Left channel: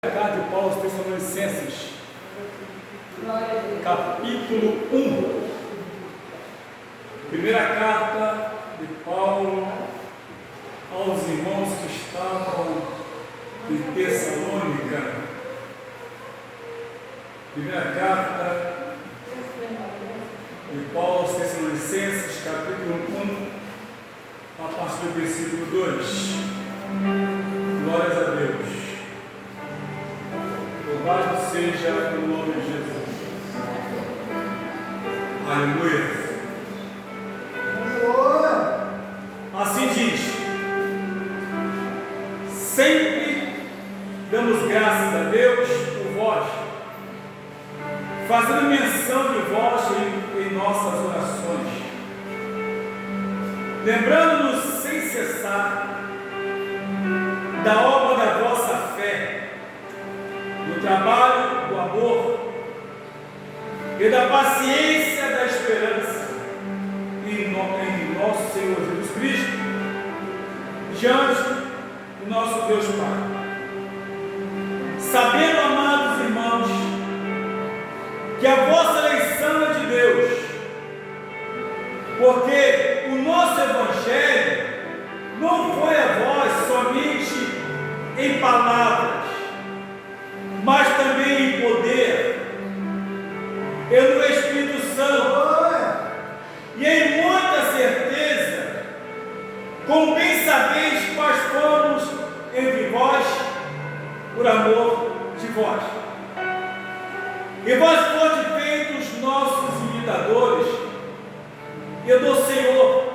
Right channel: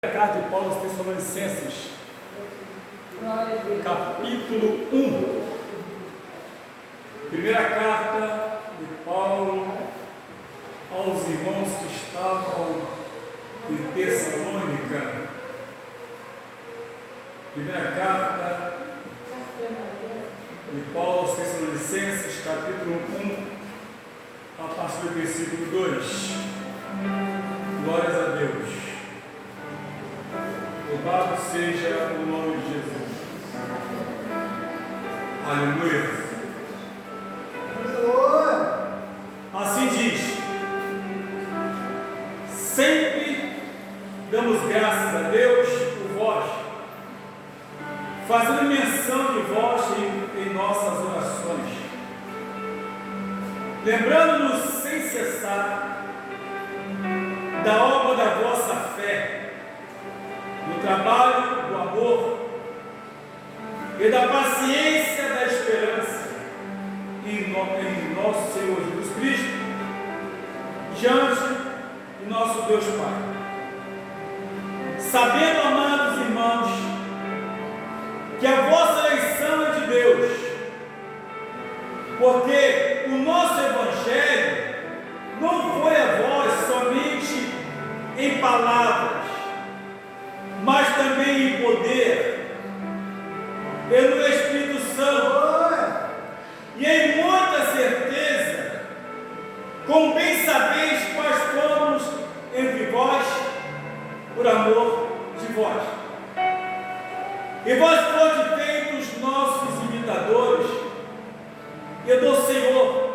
Carta de Paulo aos Tessalonicenses, capítulo 1. Primeira carta de Paulo aos irmãos que estavam em Tessalônica. Primeira carta de Paulo aos Tessalonicenses, capítulo 1, a partir do versículo 2. Glórias a Deus. Louvado seja o nome de Jesus. Aleluia. Assim diz: sempre damos graças a Deus por vós, fazendo menção de vós em nossas orações, lembrando-nos sem cessar da obra da vossa fé, do trabalho, do amor e da paciência da esperança em nosso Senhor Jesus Cristo, diante de nosso Deus Pai. Sabendo, amados irmãos, que a vossa eleição é de Deus, porque o nosso Evangelho não foi a vós somente em palavras, mas também em poder, e no Espírito Santo, e em muita certeza, como bem sabeis quais fomos entre vós, por amor de vós. E vós fostes feitos nossos imitadores, e do Senhor,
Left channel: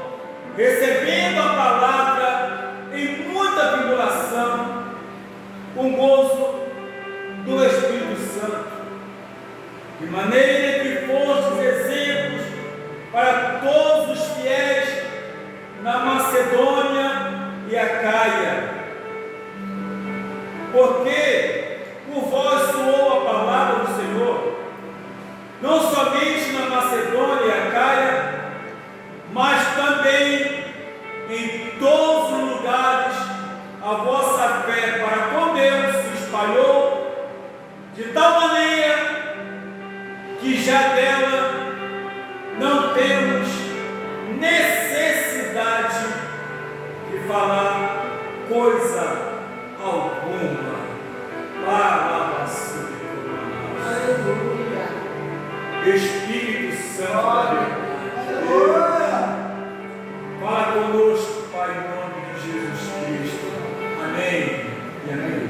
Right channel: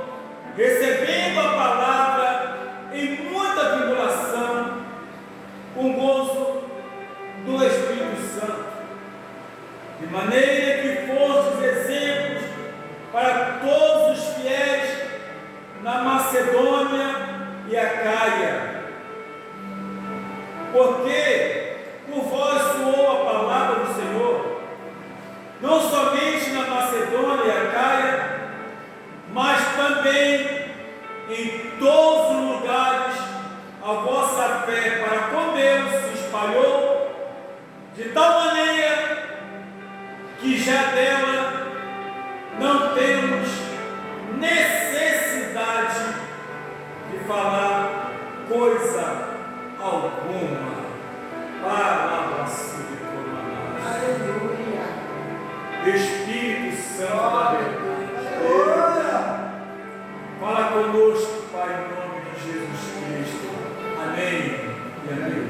recebendo a palavra em muita tribulação, com gozo do Espírito Santo, de maneira que fostes exemplos para todos os fiéis na Macedônia e Acaia, porque por vós soou a palavra do Senhor, não somente na Macedônia e Acaia, mas também em todos os lugares a vossa fé para com Deus se espalhou, de tal maneira que já dela não temos necessidade de falar coisa alguma. Para Espírito Santo da verdade, fala conosco, Pai, em nome de Jesus Cristo. Amém e amém.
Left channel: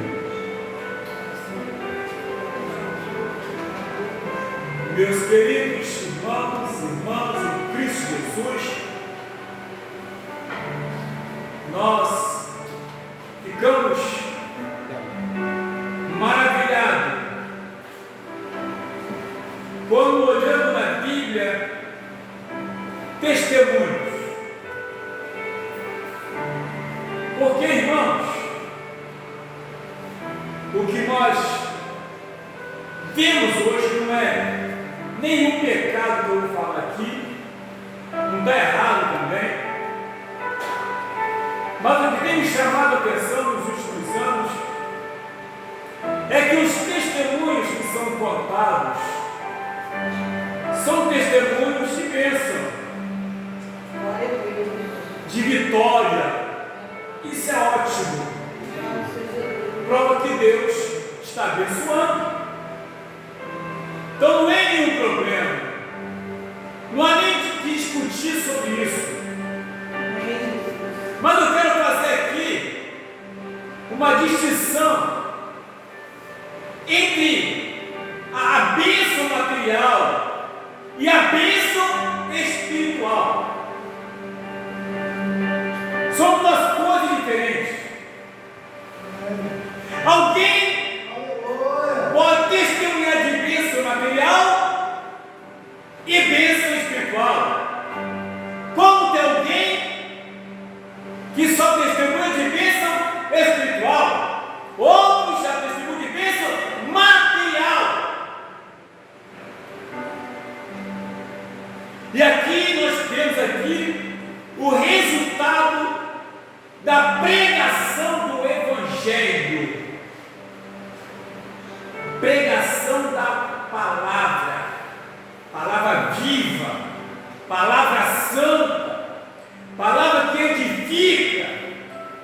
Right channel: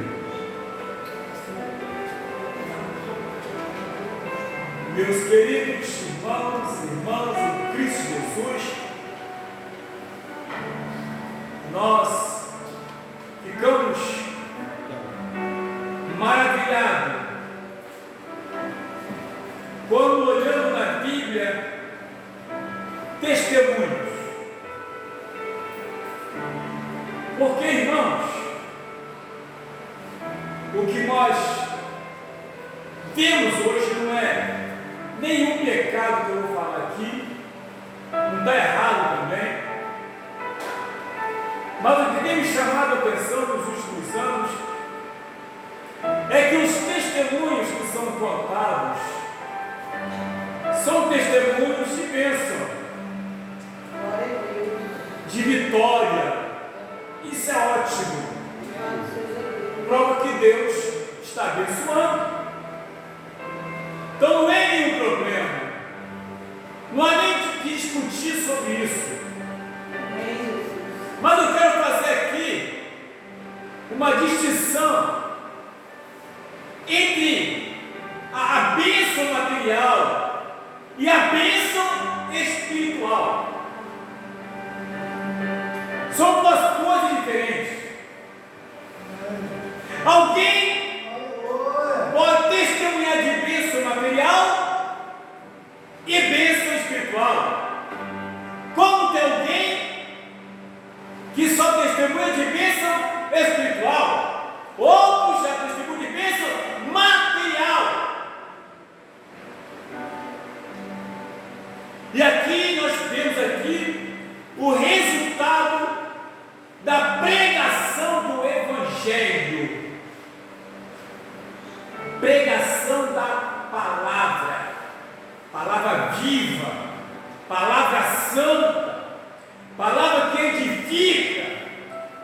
Meus queridos irmãos e irmãs em Cristo Jesus, nós ficamos maravilhados quando olhamos na Bíblia testemunhos. Porque, irmãos, o que nós vemos hoje não é nenhum pecado que eu vou falar aqui, não está errado também, mas o que tem me chamado a atenção nos últimos anos é que os testemunhos que são contados são testemunhos de bênção, de vitória. Isso é ótimo, prova que Deus está abençoando. Então não é nenhum problema, não há nem que discutir sobre isso. Mas eu quero fazer aqui uma distinção entre a bênção material e a bênção espiritual. São duas coisas diferentes. Alguém pode testemunhar de bênção material e bênção espiritual, como tem alguém que só testemunha de bênção espiritual, outros já testemunham de bênção material. E aqui nós temos aqui o resultado da pregação do Evangelho. pregação da palavra, palavra viva, palavra santa, palavra que edifica,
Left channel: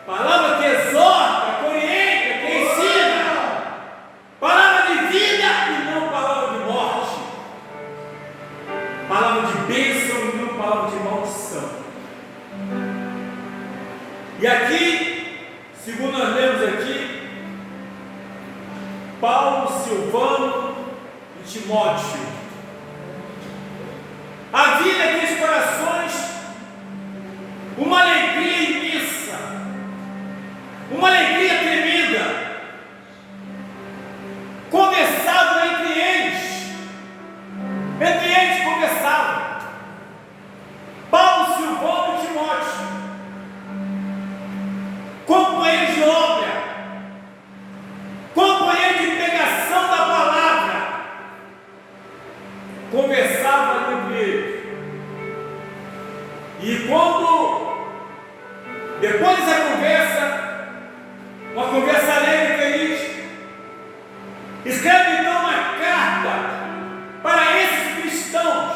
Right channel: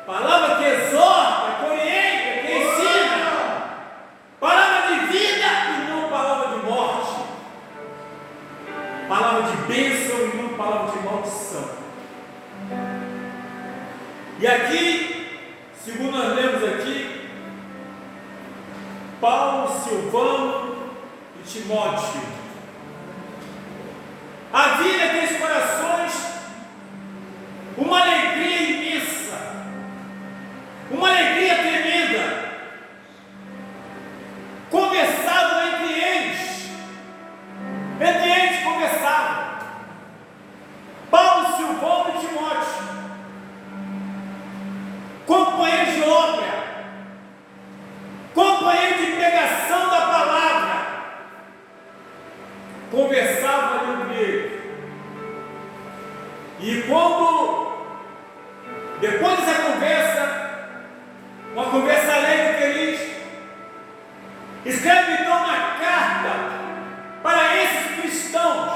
palavra que exorta, que orienta, que ensina, palavra de vida e não palavra de morte, palavra de bênção e não palavra de maldição. E aqui, segundo nós lemos aqui, Paulo, Silvano e Timóteo, havia naqueles corações uma alegria imensa, uma alegria tremenda. Conversavam entre eles conversavam. Paulo, Silvano e Timóteo, companheiros de obra, companheiros de pregação da palavra, conversavam ali entre eles. E quando, depois dessa conversa, uma conversa alegre e feliz, escreve então uma carta para esses cristãos,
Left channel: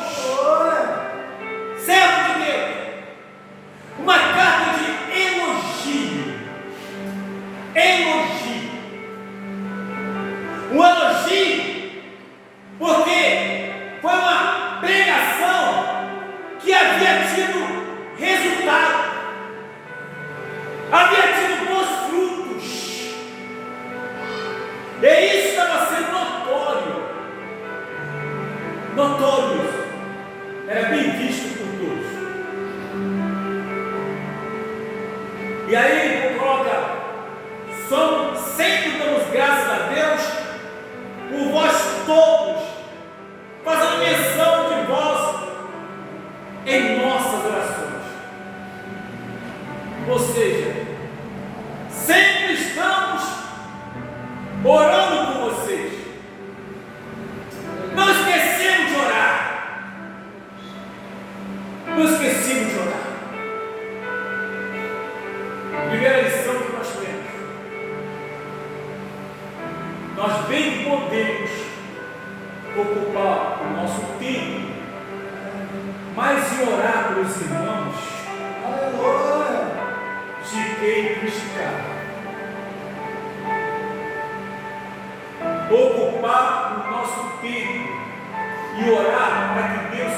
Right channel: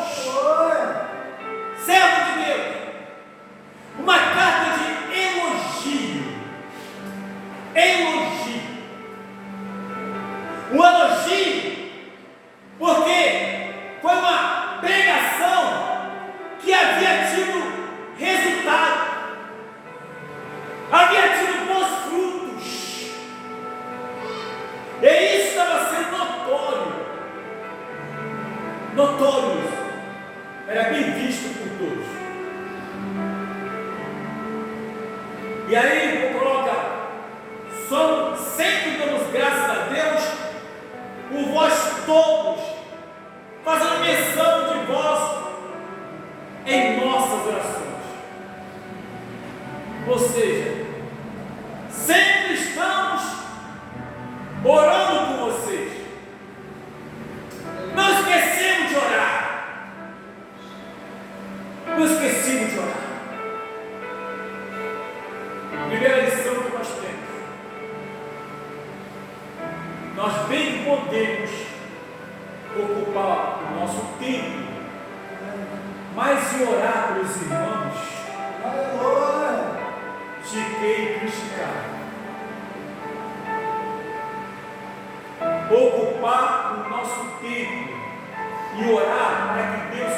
servos de Deus, uma carta de elogio, um elogio, porque foi uma pregação que havia tido resultado, havia tido bons frutos, e isso estava sendo notório, era bem visto por todos. E aí coloca: sempre damos graças a Deus por vós todos, fazendo menção de vós em nossas orações. Ou seja, sempre estamos orando por vocês. Não esquecemos de orar. Primeira lição que nós temos: nós bem podemos ocupar o nosso tempo, mas em orar pelos irmãos, de quem criticar. Ocupar o nosso tempo e orar para que Deus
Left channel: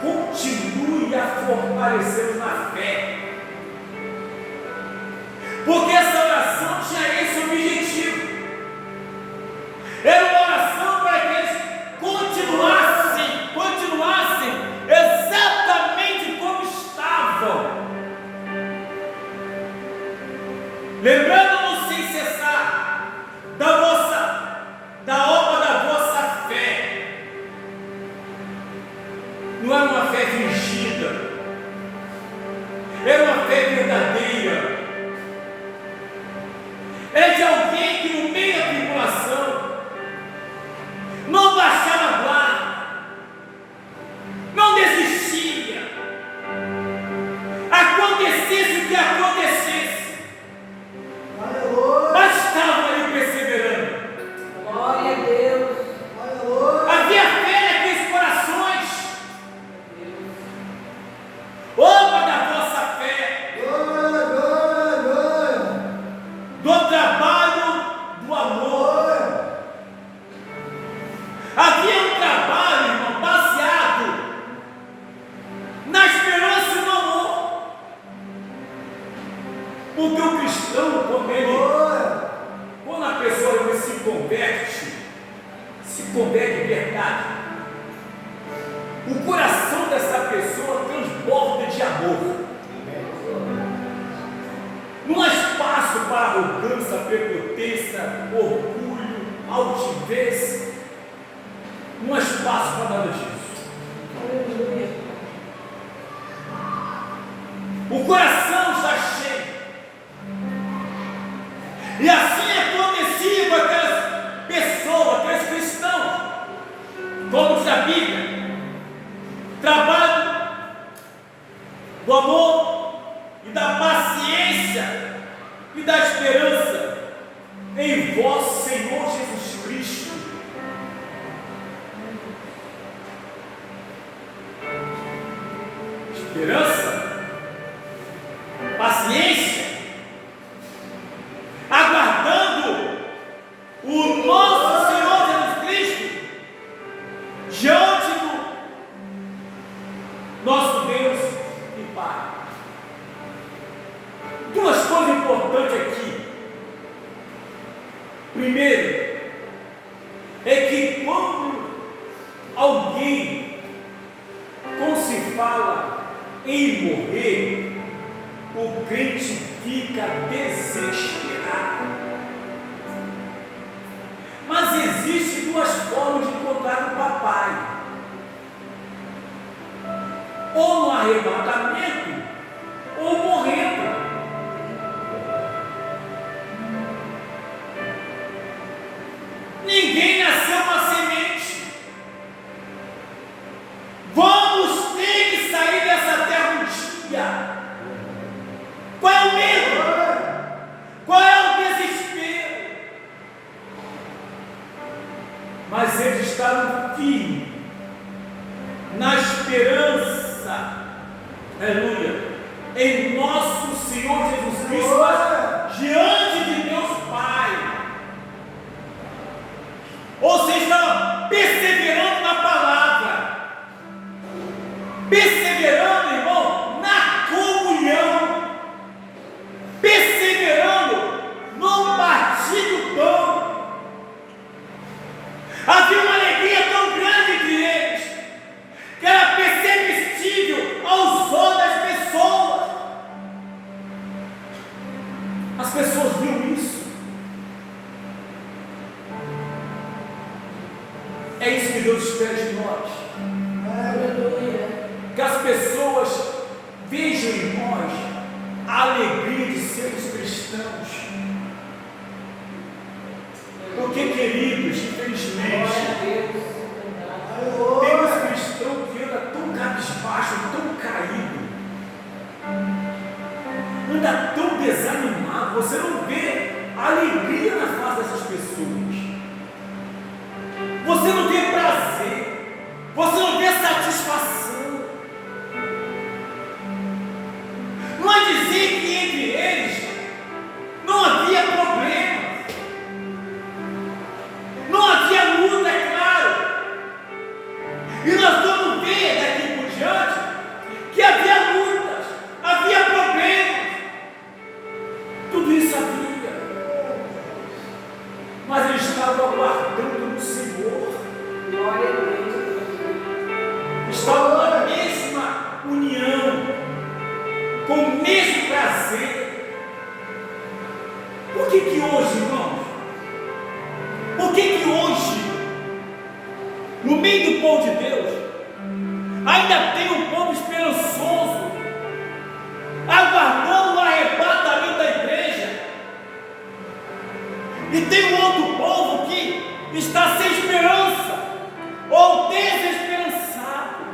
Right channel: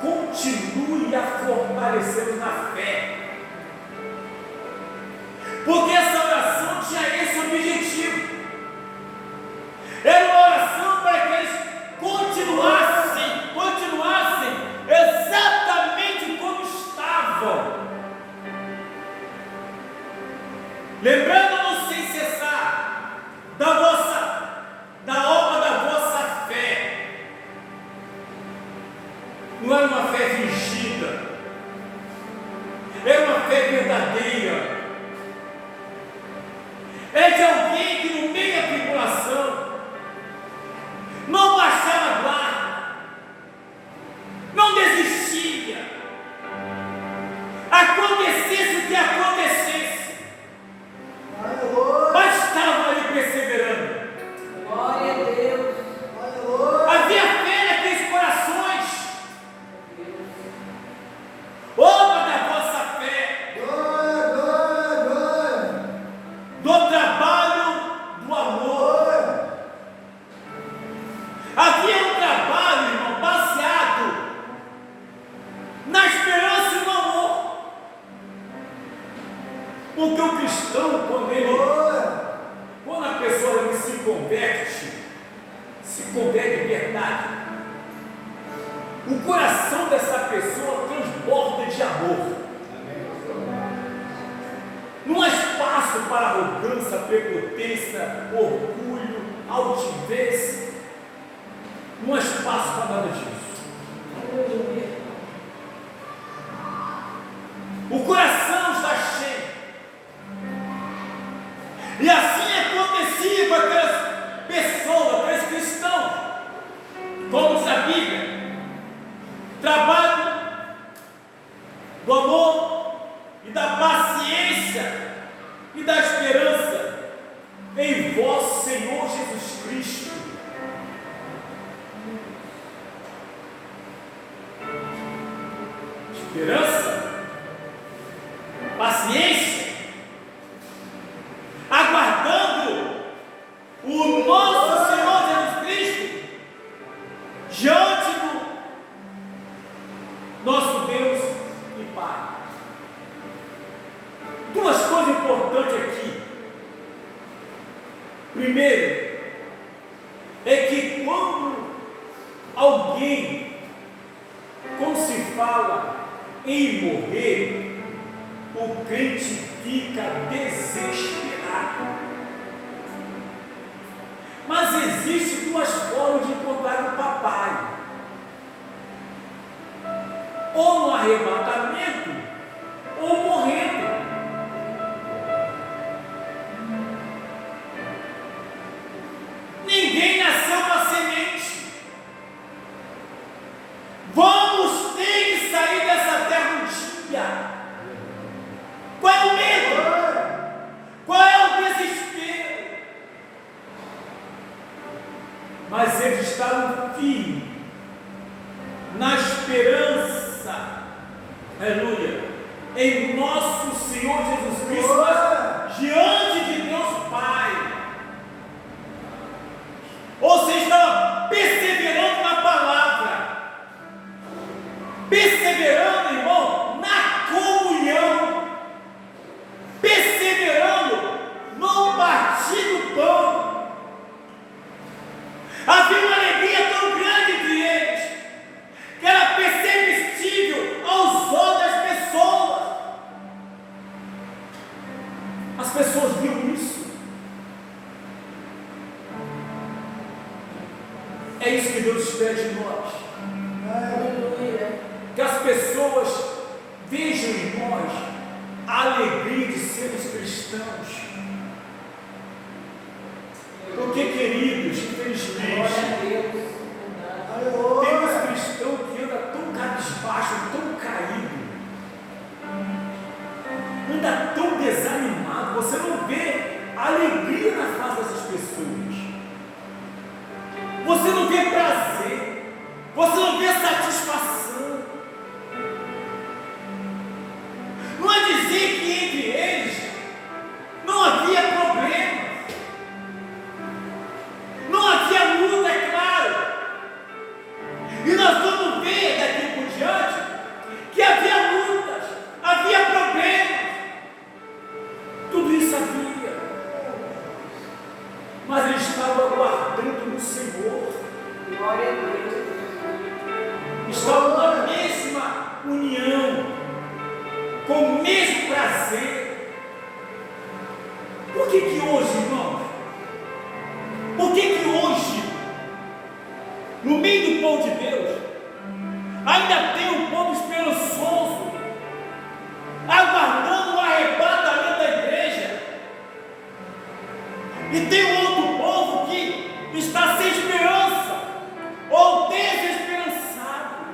continue a fortalecer-nos na fé, porque essa oração tinha esse objetivo. Era uma oração para que eles continuassem exatamente como estavam, lembrando-nos sem cessar da obra da vossa fé. Não era uma fé fingida, era uma fé verdadeira. É de alguém que no meio da tribulação não baixava a guarda, não desistia, acontecesse o que acontecesse, mas estavam ali perseverando. Glória a Deus. Havia fé naqueles corações, obra da vossa fé, do trabalho do amor. Havia um trabalho, irmão, baseado na esperança e no amor. Porque o cristão, quando a pessoa se converte de verdade, o coração dessa pessoa transborda de amor. Não há espaço para arrogância, prepotência, orgulho, altivez. Não há espaço para nada disso. O coração está cheio. E assim acontecia com aquelas pessoas, aqueles cristãos, como diz a Bíblia: trabalho do amor e da paciência e da esperança em vosso Senhor Jesus Cristo. é que quando se fala em morrer, o crente fica desesperado. Mas existem duas formas de encontrar o papai: ou no arrebatamento, ou morrendo. Ninguém nasceu uma semente. Vamos ter que sair dessa terra um dia. Qual é o medo? Qual é o desespero? Mas ele está no fim, na esperança, aleluia, em nosso Senhor Jesus Cristo, mas diante de Deus Pai. Ou seja, está perseverando na palavra, perseverando, irmão, na comunhão, perseverando no partir do pão. Havia uma alegria tão grande entre eles, que era perceptível aos olhos das pessoas. As pessoas viam isso. É isso que Deus espera de nós. Que as pessoas vejam em nós a alegria de sermos cristãos. Porque, queridos, infelizmente, temos cristãos que andam tão cabisbaixo, tão caído, anda tão desanimado. Você não vê alegria na face dessas pessoas. Você não vê prazer, você não vê satisfação. Não é dizer que entre eles não havia problema, não havia luta, é claro. E nós vamos ver daqui por diante que havia lutas, havia problemas, tudo isso havia. Mas eles estavam aguardando no Senhor. Glória a Deus. Estavam na mesma união, com o mesmo prazer. Por que hoje, irmãos? Por que hoje, no meio do povo de Deus, ainda tem um povo esperançoso, aguardando o arrebatamento da igreja? E tem um outro povo que está sem esperança, ou desesperançado,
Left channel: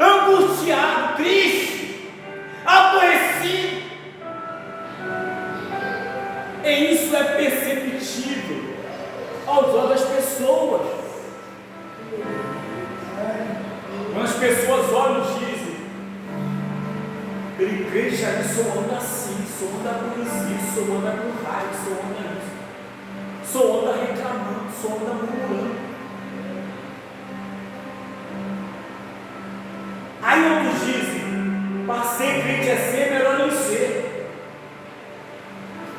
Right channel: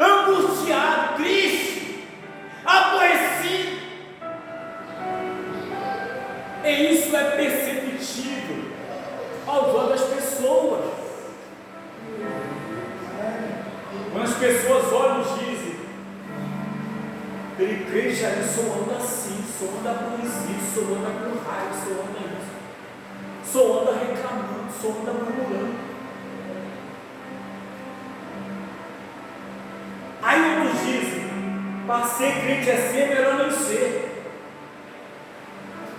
angustiado, triste, aborrecido. E isso é perceptível aos olhos das pessoas. Quando as pessoas olham e dizem: aquele crente aí só anda assim, só anda aborrecido, só anda com raiva, só anda isso, só anda reclamando, só anda murmurando. Aí outros dizem: para ser crente assim é melhor não ser.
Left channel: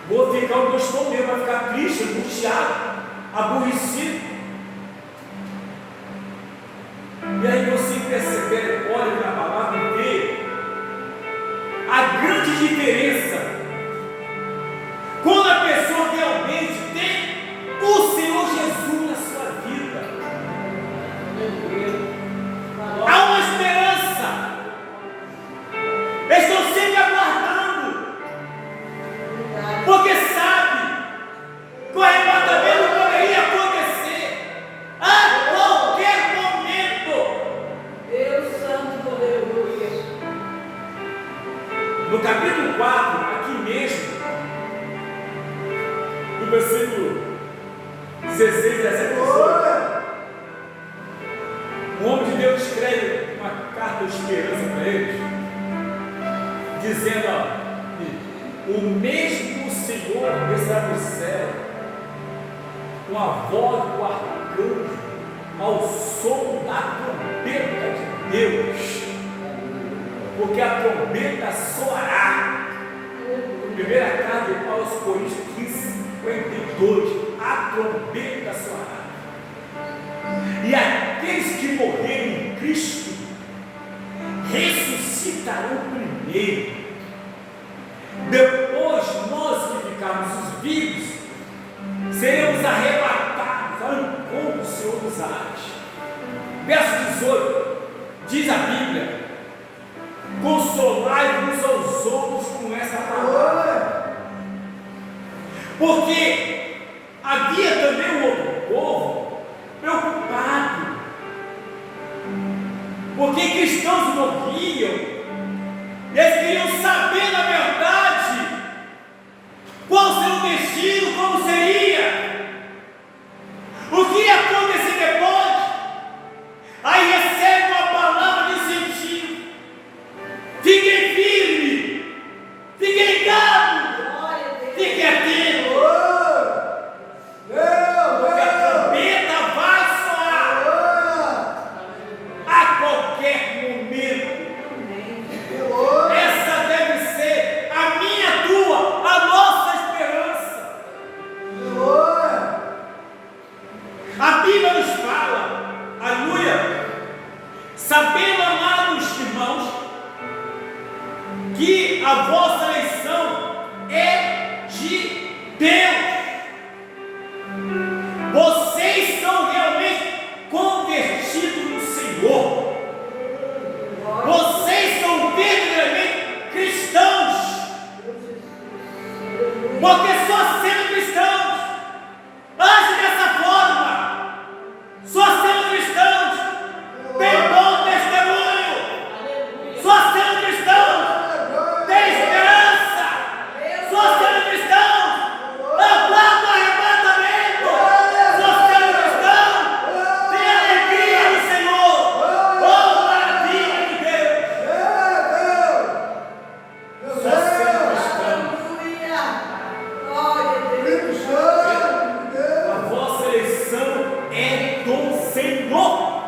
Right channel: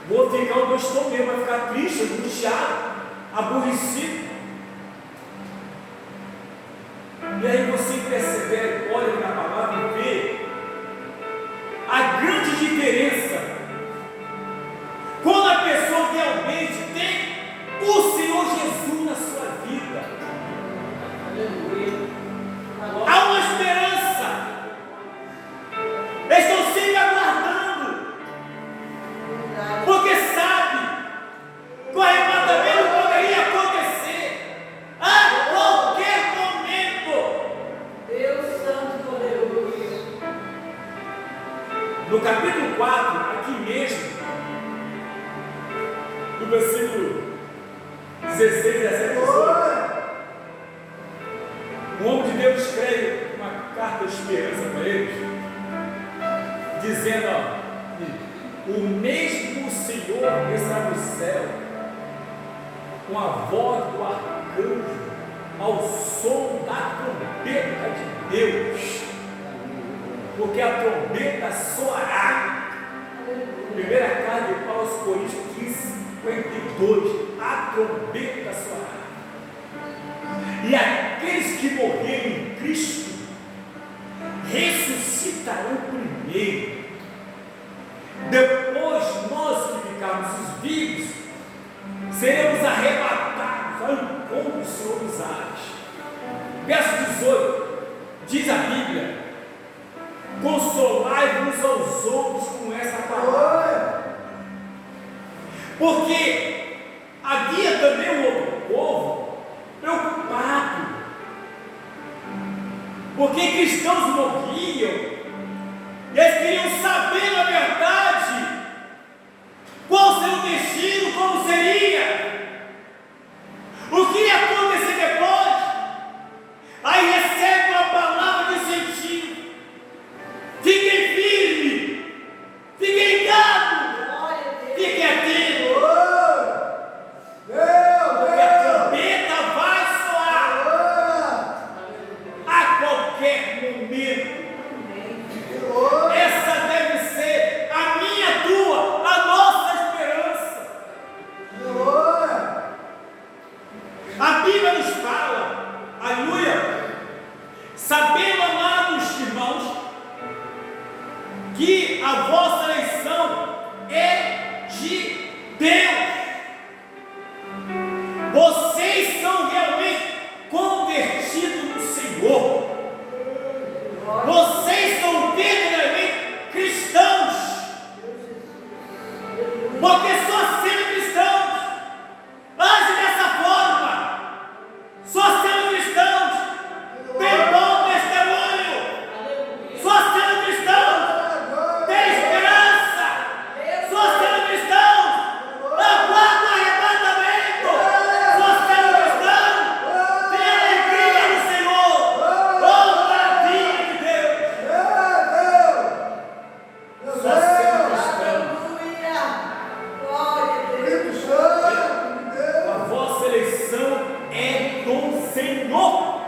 Vou ficar onde eu estou mesmo, vai ficar triste, angustiado, aborrecido. E aí você percebe, olha na palavra e vê a grande diferença quando a pessoa realmente tem o Senhor Jesus na sua vida. Há uma esperança. Eles estão sempre aguardando, porque sabe que o arrebatamento poderia acontecer a qualquer momento. Deus Santo poderoso. No capítulo 4, aqui mesmo, no versículo 16, 17, 18, o homem de Deus escreve uma carta de esperança para eles, dizendo: ó, o mesmo Senhor descerá do céu com a voz do arcanjo, ao som da trombeta de Deus, porque a trombeta soará. Primeira carta de Paulo aos Coríntios 15, 52. a trombeta soará. E aqueles que morreram em Cristo ressuscitarão primeiro. Depois, nós que ficarmos os vivos, seremos arrebatados ao encontro do Senhor dos ares. Verso 18, diz a Bíblia: consolai-vos aos outros com essa palavra. Porque havia também um outro povo preocupado, porque cristãos morriam, eles queriam saber na verdade qual seria o destino, como seria, o que ia acontecer depois. Aí recebe uma palavra de incentivo: fiquem firmes, fiquem ligados, fiquem atentos, porque a trombeta vai soar a qualquer momento. Essa deve ser a minha, a tua, a nossa esperança. A Bíblia nos fala, aleluia, sabendo, amados irmãos, que a vossa eleição é de Deus. Vocês são realmente convertidos no Senhor. Vocês são verdadeiramente cristãos. Porque só sendo cristãos, age dessa forma, só sendo cristãos, tem bom testemunho, só sendo cristãos, tem esperança, só sendo cristãos, aguarda o arrebatamento, só sendo cristãos, tem alegria no Senhor, oh maravilha de Deus, só sendo cristãos. A vossa eleição é do Senhor,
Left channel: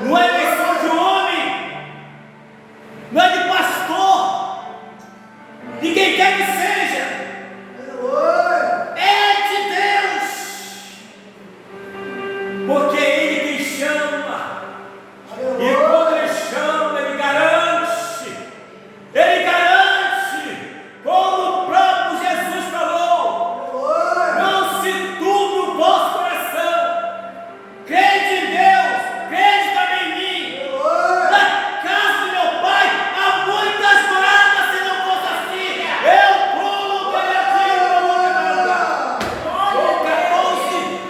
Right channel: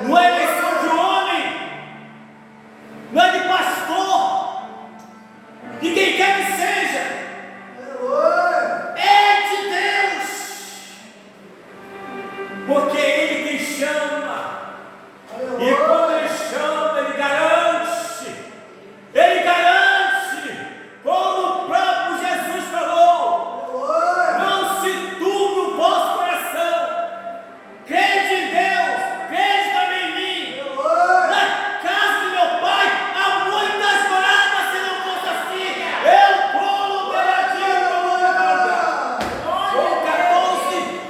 não é eleição de homem, não é de pastor, de quem quer que seja, é de Deus, porque é Ele quem chama, e quando Ele chama, Ele garante, como o próprio Jesus falou: não se turbe o vosso coração, crede em Deus, crede também em mim. Na casa de meu Pai há muitas moradas, se não fosse assim, eu pulo telhadinho para o lugar. João 14,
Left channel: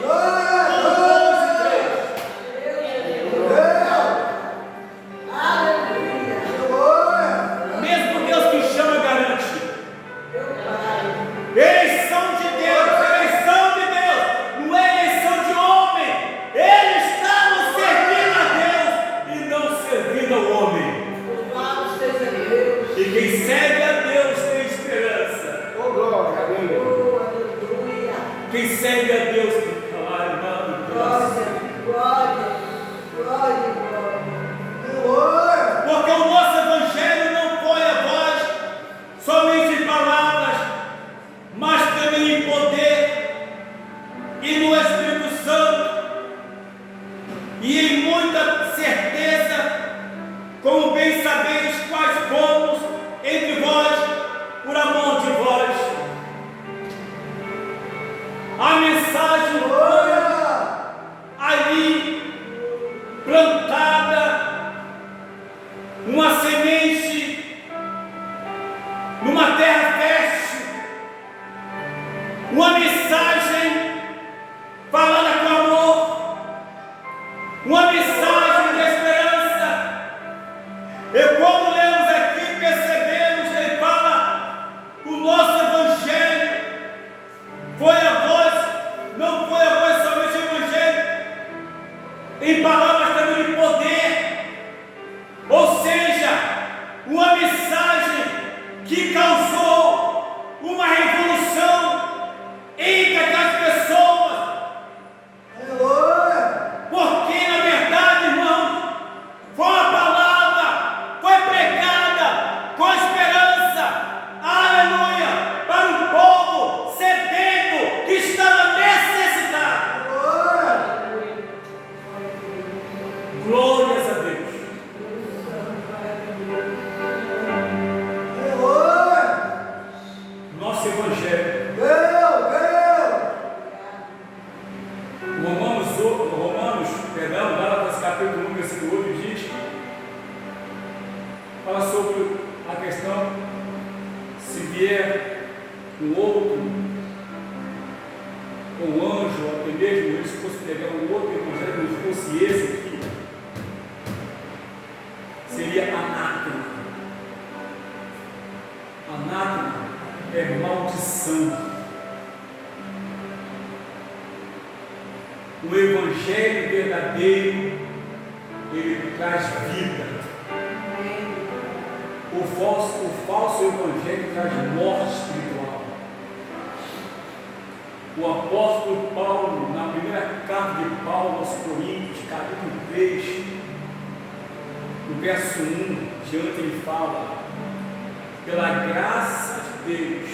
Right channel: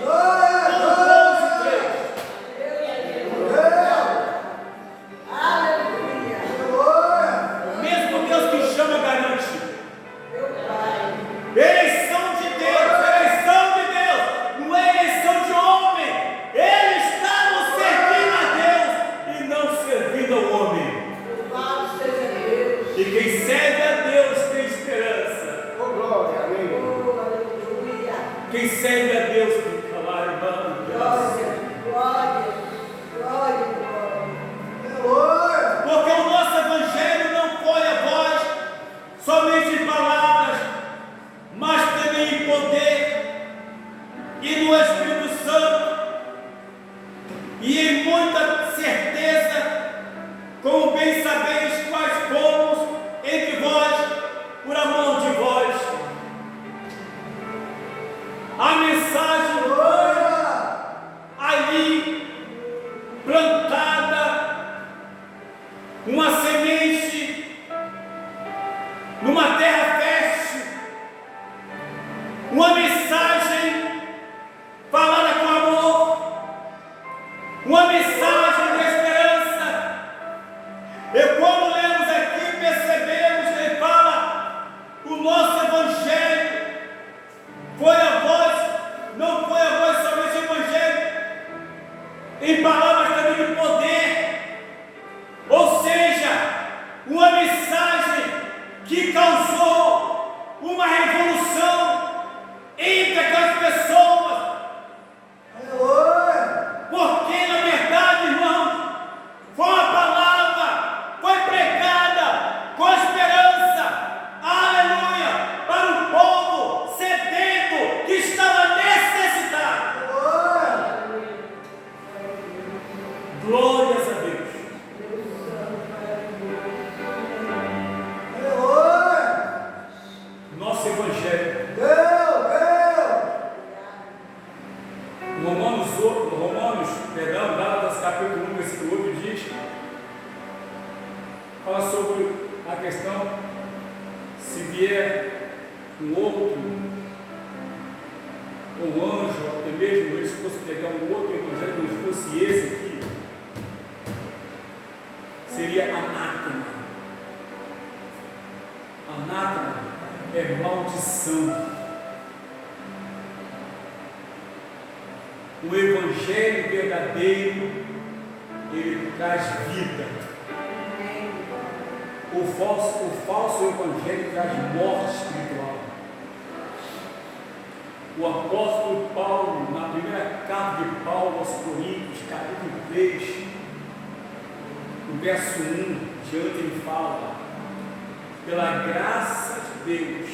3. Mesmo Deus que chama garante. Eleição de Deus, não é eleição de homem. Ele está nos servindo a Deus e não servindo ao homem. E quem serve a Deus tem esperança. Quem serve a Deus tem falar, irmão, porque o nosso evangelho não foi a voz somente em palavras, mas também em poder e no Espírito Santo, e em muita certeza, como bem sabeis quais fomos entre vós por amor de vós. A mensagem foi ali plantada, uma semente numa terra fértil, uma mensagem falada com amor, uma mensagem de esperança. E quando lemos aqui, percebemos que ele fala: o nosso evangelho foi a voz, não foi a voz somente o evangelho, em palavras também de poder, ou seja, uma mensagem que causou uma revolução entre aquelas pessoas. Porque na verdade, irmãos, foi uma palavra, foi pregada com esperança, aleluia, para um povo sedento a questão, se vier um outro, um anjo, até mesmo eles fossem pegar um outro evangelho, não fosse esse aqui, seria anátema. Anátema é maldição. O evangelho verdadeiro, ele traz vida. O falso evangelho traz morte espiritual. O apóstolo Paulo, na primeira carta de Paulo aos Coríntios, capítulo 3, no verso 1, diante ele fala: pela graça de Deus,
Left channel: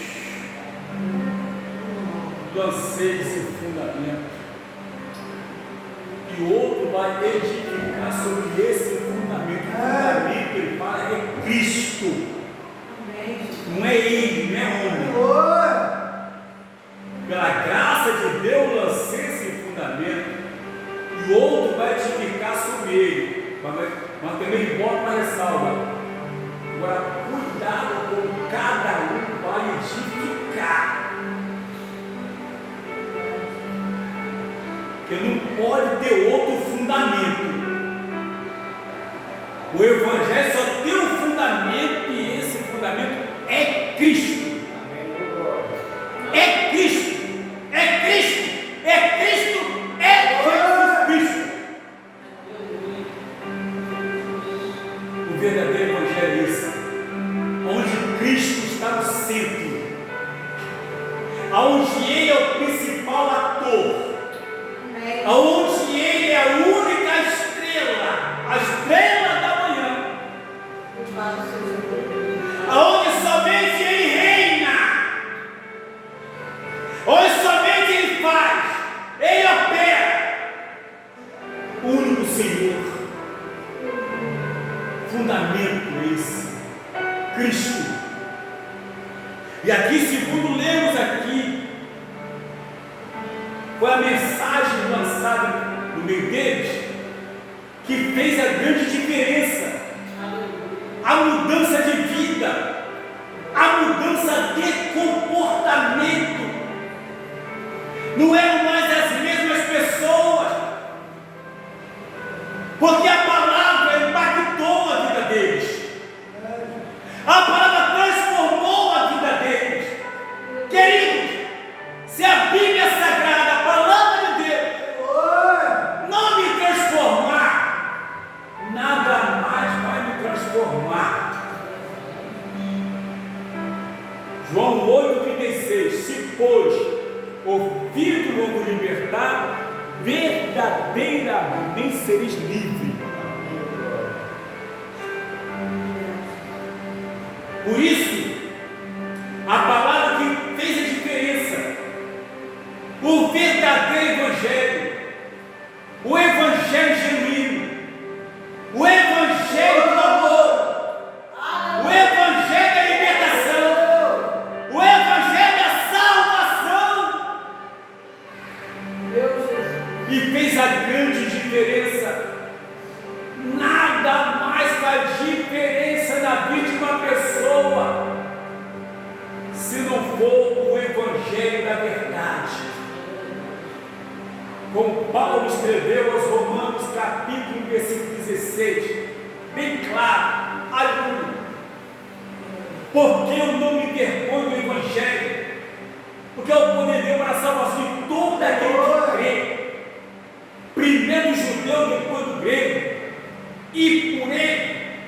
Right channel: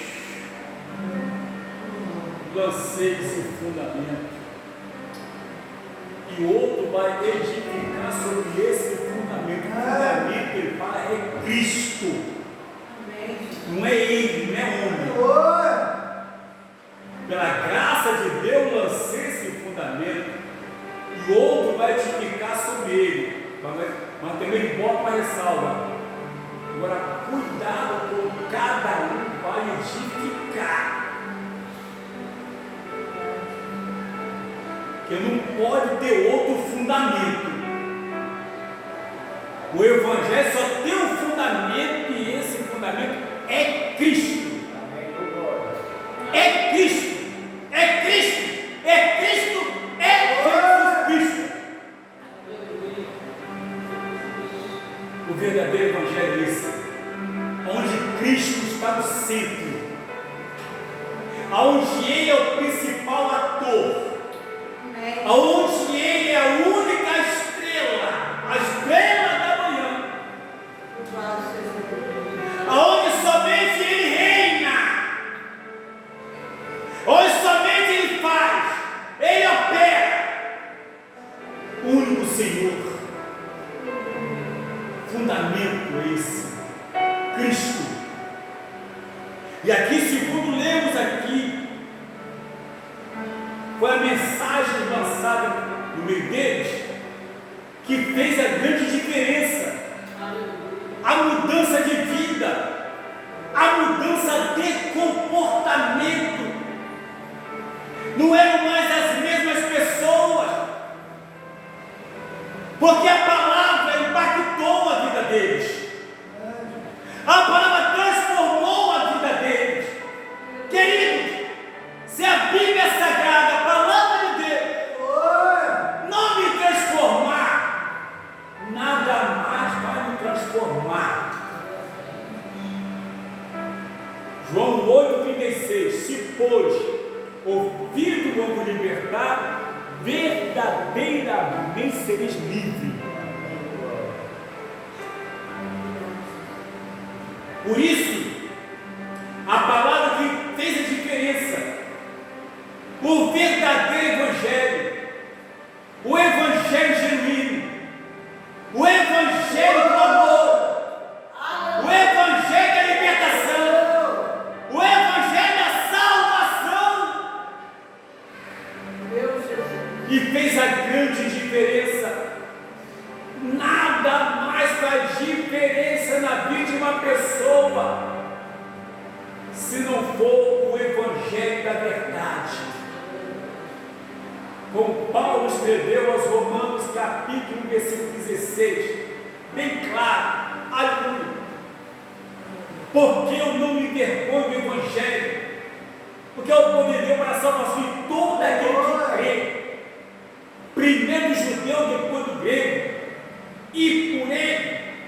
lancei esse fundamento, e outro vai edificar sobre esse fundamento. O fundamento, ele fala, é Cristo, não é ele, não é homem. Pela graça de Deus lancei esse fundamento, e outro vai edificar sobre ele, mas também ele bota uma ressalva. Agora, cuidado com cada um vai edificar, porque não pode ter outro fundamento. O evangelho só tem um fundamento, e esse fundamento é Cristo. É Cristo, é Cristo, é Cristo, é Jesus Cristo. O verdadeiro evangelho é esse, onde Cristo está no centro, onde Ele é o principal ator, onde Ele é a única estrela, a estrela da manhã, onde somente Ele reina, onde somente Ele faz, Ele opera, o único Senhor. Fundamento esse, Cristo. E aqui, segundo lemos aqui, foi a mensagem lançada no meio deles que fez a grande diferença, a mudança de vida, a mudança de comportamento. Não eram mais as mesmas pessoas, porque a palavra impactou a vida deles, a palavra transformou a vida deles. Queridos, se a Bíblia Sagrada, a palavra de Deus, não me transformar, nada mais vai me transformar. João 8,36: se pois o Filho vos libertar, verdadeiramente sereis livres. Por isso, a palavra que fez a diferença, o verdadeiro evangelho, o evangelho genuíno, o evangelho do amor, o evangelho da libertação, o evangelho da salvação, e fez a grande diferença. Nada mais faz diferença na vida de uma pessoa se não for o evangelho da verdade. Como Paulo escreveu aos Romanos, capítulo 1, versículo 16, bem claro: aleluia, porque eu não me envergonho do evangelho, porque é o poder de Deus para a salvação de todo aquele que crê, primeiro o judeu, depois o grego, e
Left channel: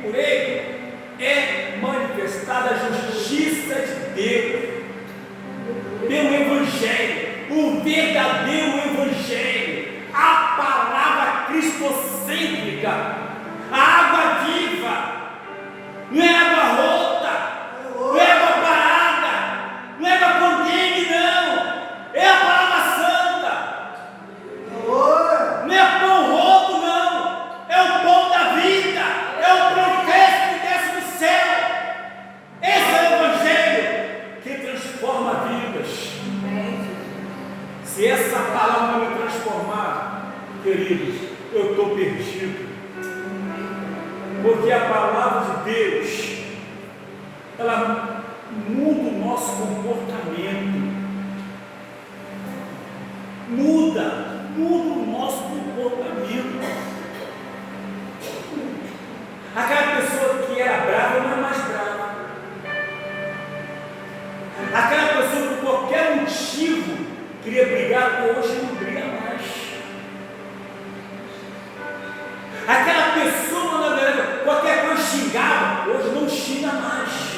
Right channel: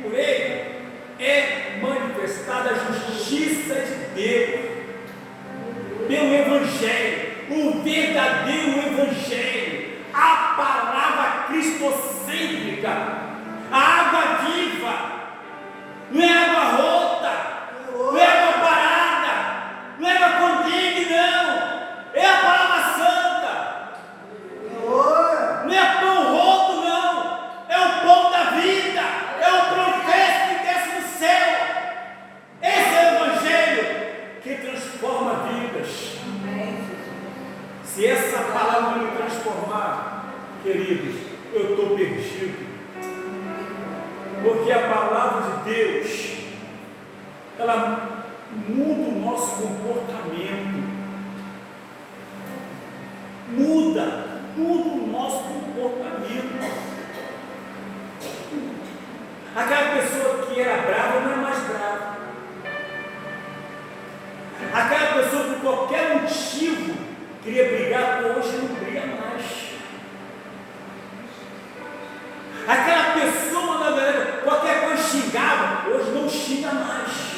por ele é manifestada a justiça de Deus, pelo evangelho, o verdadeiro evangelho, a palavra cristocêntrica, a água viva, não é água rota, não é água parada, não é água condene, não, é a palavra santa, não é pão roto, não, é o pão da vida, é o profeta que desce do céu. Esse é o evangelho que transforma vidas. Se essa palavra não me transformar, queridos, eu estou perdido, porque a palavra de Deus, ela muda o nosso comportamento. Muda o nosso comportamento. Aquela pessoa que era brava não é mais brava. Aquela pessoa que por qualquer motivo queria brigar, hoje não briga mais. Aquela pessoa, na verdade, qualquer coisa xingava, hoje não xinga mais.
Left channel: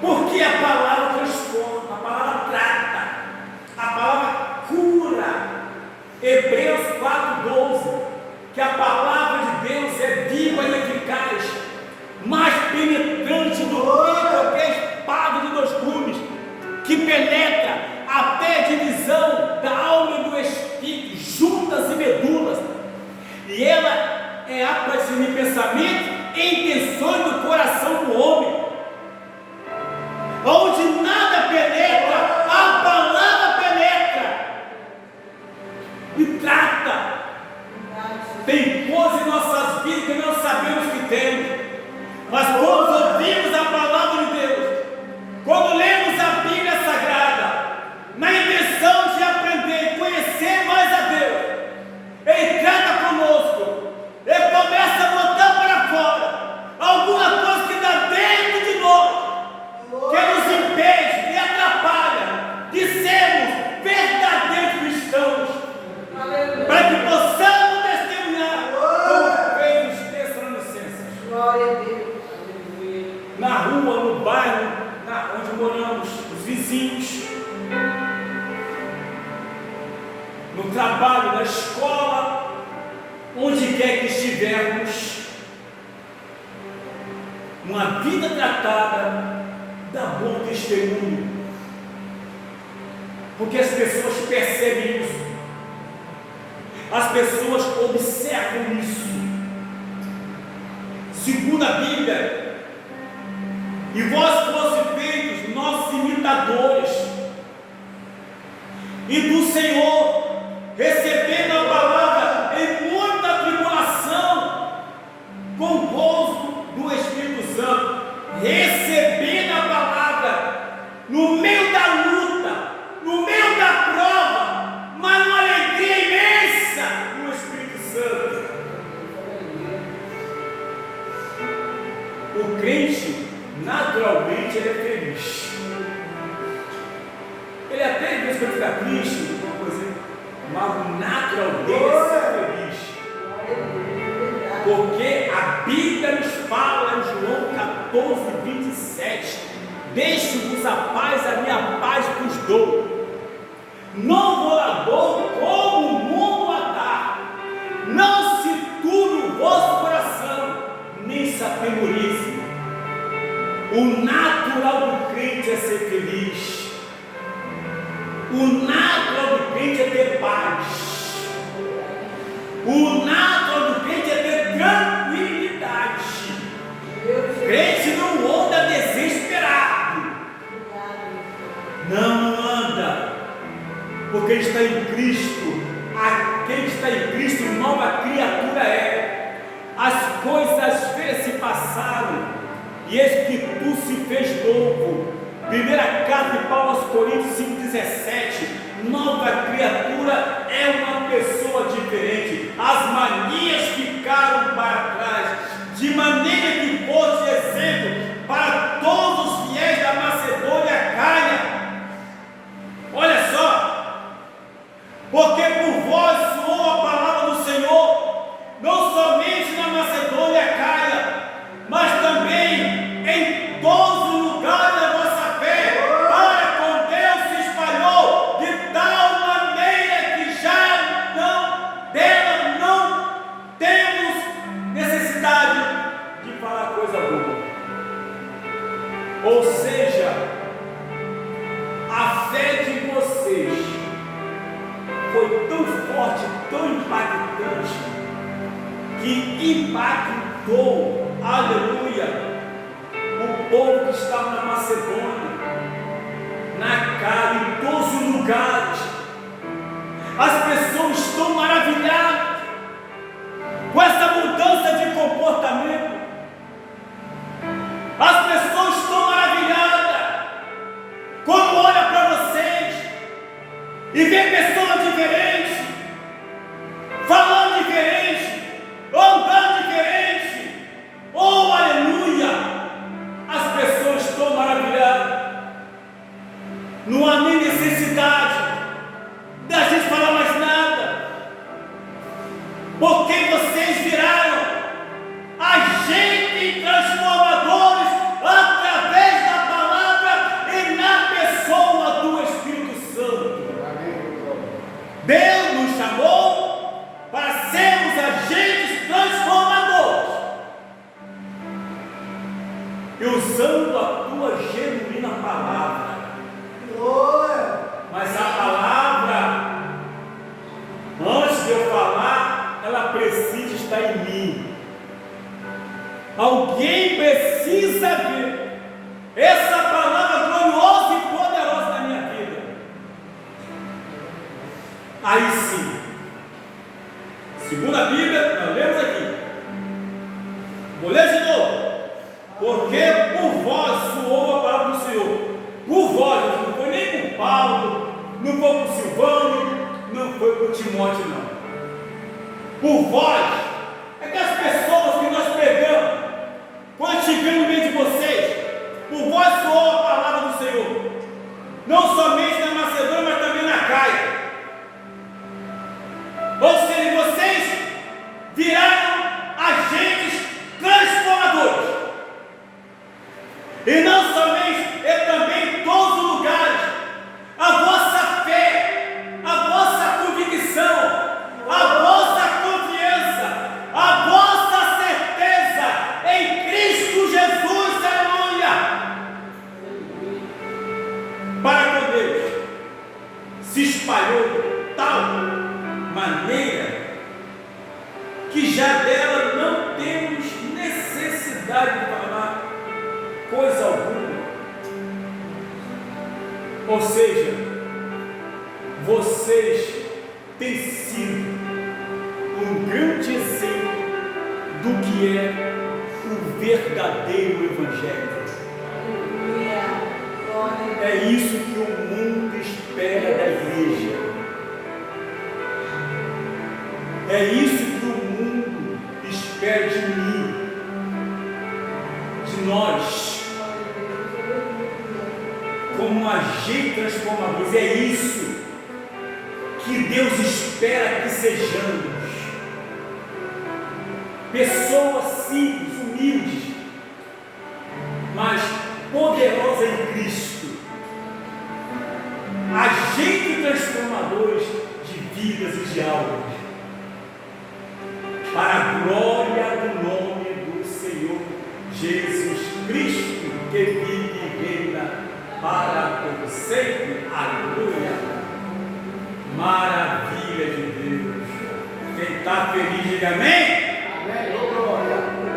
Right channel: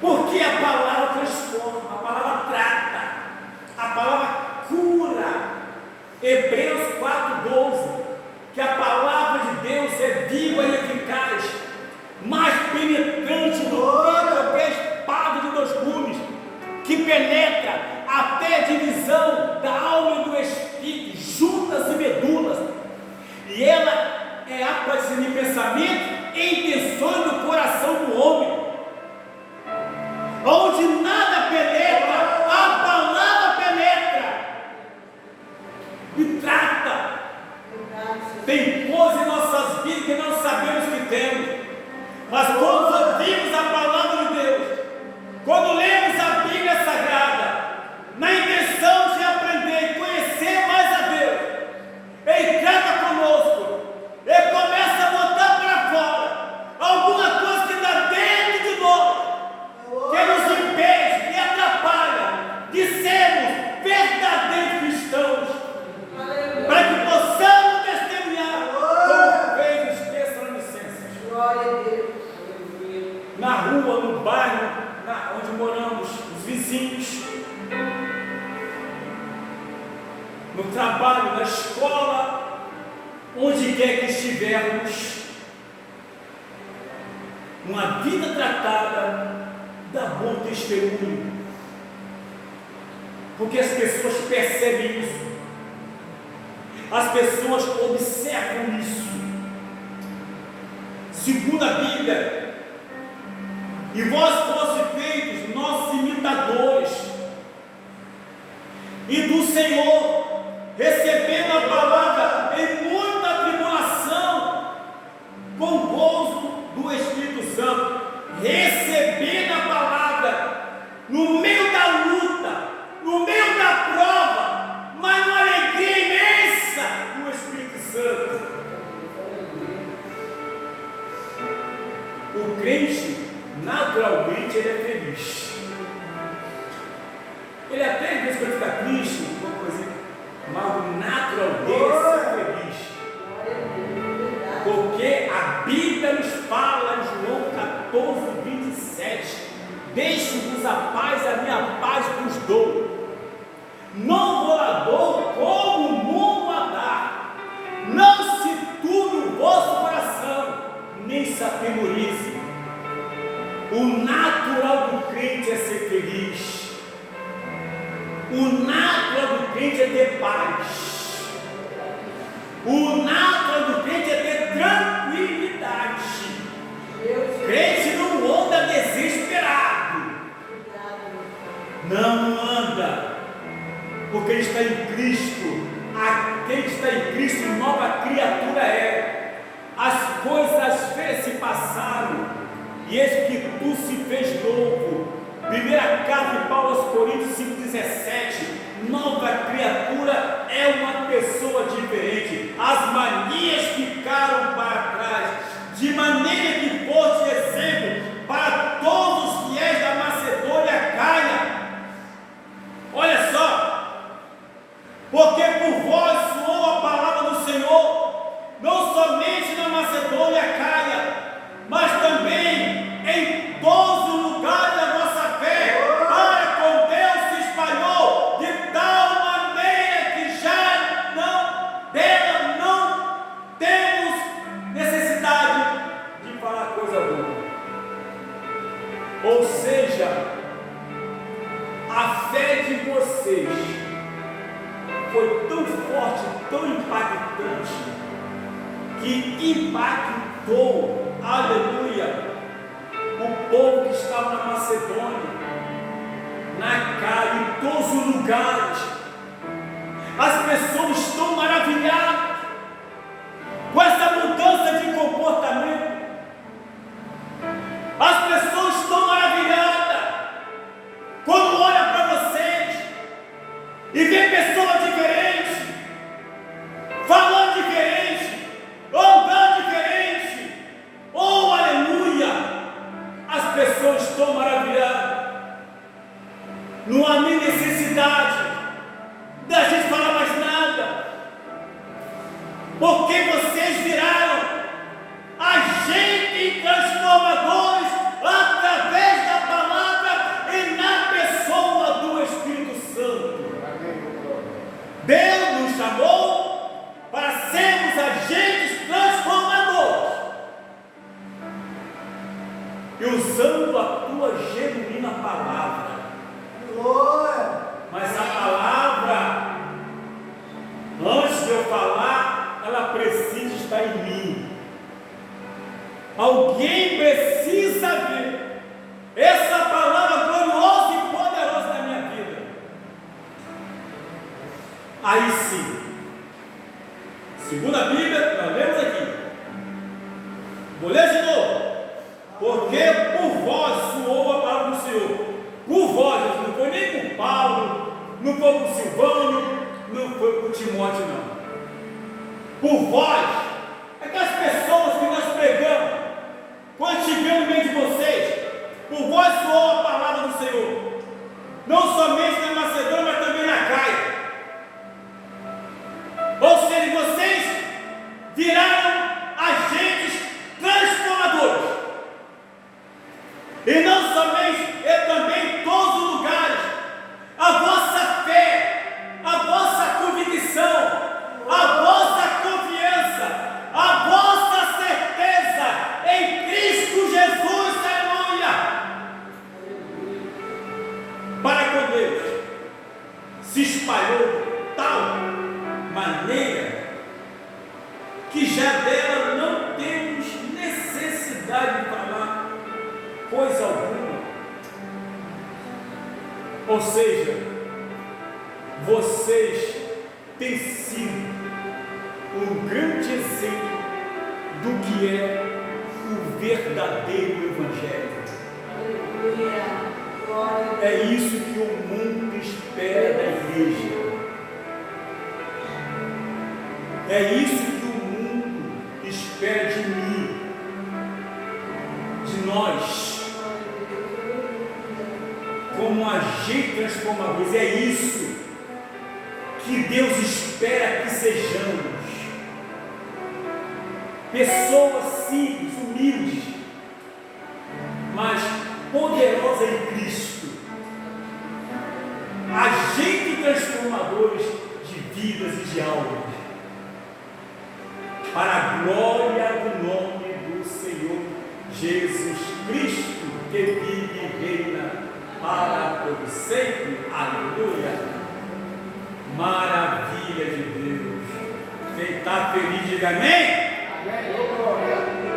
Porque a palavra transforma, a palavra trata, a palavra cura. Hebreus 4,12, que a palavra de Deus é viva e eficaz, mais penetrante do que qualquer espada de 2 gumes, que penetra até a divisão da alma e do espírito, juntas e medulas, e ela é apta a discernir pensamento e intenções do coração do homem. Onde nada penetra, a palavra penetra e trata. Tem coisas em nossas vidas que não sabemos que temos, mas quando ouvimos a palavra de Deus, quando lemos a Bíblia Sagrada, na intenção de aprender e conhecer mais a Deus, Ele trata conosco, Ele começa a botar para fora alguma coisa que está dentro de nós, que nos impede e atrapalha de sermos verdadeiros cristãos, para que possamos testemunhar como fez os Tessalonicenses. Glória a Deus. Na rua, no bairro, onde moramos, os vizinhos, no trabalho, na escola, onde quer que estivermos, uma vida tratada dá bom testemunho, porque as pessoas percebem isso, as pessoas observam isso. Segundo a Bíblia, e vós fosse feitos nossos imitadores, e do Senhor, recebendo a palavra em muita tribulação, com gozo do Espírito Santo, recebendo a palavra no meio da luta, no meio da prova, mas numa alegria imensa do Espírito Santo. O crente, naturalmente, ele é feliz. Ele até às vezes fica triste, alguma coisa, mas o natural dele é ser feliz. Porque a Bíblia nos fala em João 14:27, deixo-vos a paz, a minha paz vos dou. Não vou lá dou como o mundo a dá. Não se turbe o vosso coração, nem se atemorize. O natural do crente é ser feliz. O natural do crente é ter paz. O natural do crente é ter tranquilidade. Crente não anda desesperado. Não anda, porque ele está em Cristo. Aquele que está em Cristo, nova criatura é. As coisas velhas se passaram, e eis que tu se fez novo. Primeira carta de Paulo aos Coríntios 5,17. Nova criatura é uma pessoa diferente. As manias ficaram para trás, de maneira que fosse exemplo para todos os fiéis da Macedônia e Acaia. Olha só, porque por vós soou a palavra do Senhor, não somente na Macedônia e Acaia, mas também em todos os lugares da vossa fé, para com Deus se espalhou de tal maneira que já dela não temos necessidade de falar coisa boa. Ou seja, a fé de vocês foi tão forte, tão impactante, que impactou, aleluia, o povo que estava na Macedônia, na Acaia, em todos os lugares. As pessoas estão maravilhadas com essa mudança de comportamento. As pessoas estão maravilhadas quando olham para vocês e vê pessoas diferentes, falando diferente, andando diferente. Oh, aleluia! As pessoas estão maravilhadas. Não há nem necessidade da gente falar mais nada, porque vocês viraram agentes transformadores através da palavra e na pessoa do Espírito Santo. Deus nos chamou para sermos agentes transformadores e usando a tua genuína palavra. Mas a palavra, antes de eu falar, ela precisa estar em mim. Alguém precisa ver essa palavra gloriosa e poderosa na minha vida. Aí sim, segundo a Bíblia, nós lemos aqui. Vou ler de novo. Porque por vós soou a palavra do Senhor. Por vós, não foi nem por Paulo, não foi por Silvânio, não foi por Timóteo, não. Por vós, aquelas pessoas que nós pregamos, quando estivemos no meio de vocês, por vós soou a palavra do Senhor, não somente na Macedônia, mas também na Caia. Ou seja, vocês viraram agentes transformadores. E não somente, é também em todos os lugares. A vossa fé, a vossa convicção, a vossa confiança, a vossa certeza em Cristo Jesus, aleluia, para com Deus, se espalhou de tal maneira que já dela não temos necessidade de falar coisa alguma. Ou seja, vocês têm sido um grande exemplo do que é o verdadeiro Evangelho. É isso que o mundo espera da igreja. É isso que o mundo espera de mim, de nós, como agentes transformadores. É isso que Deus espera que sejamos. Pessoas simples, humildes, mas poderosas em Cristo. Agentes transformadores de vidas e de almas, para a glória do nome do Senhor Jesus Cristo, que vive e reina para todo sempre. Aleluia! Maravilha de Deus. Quem está feliz, diga amém.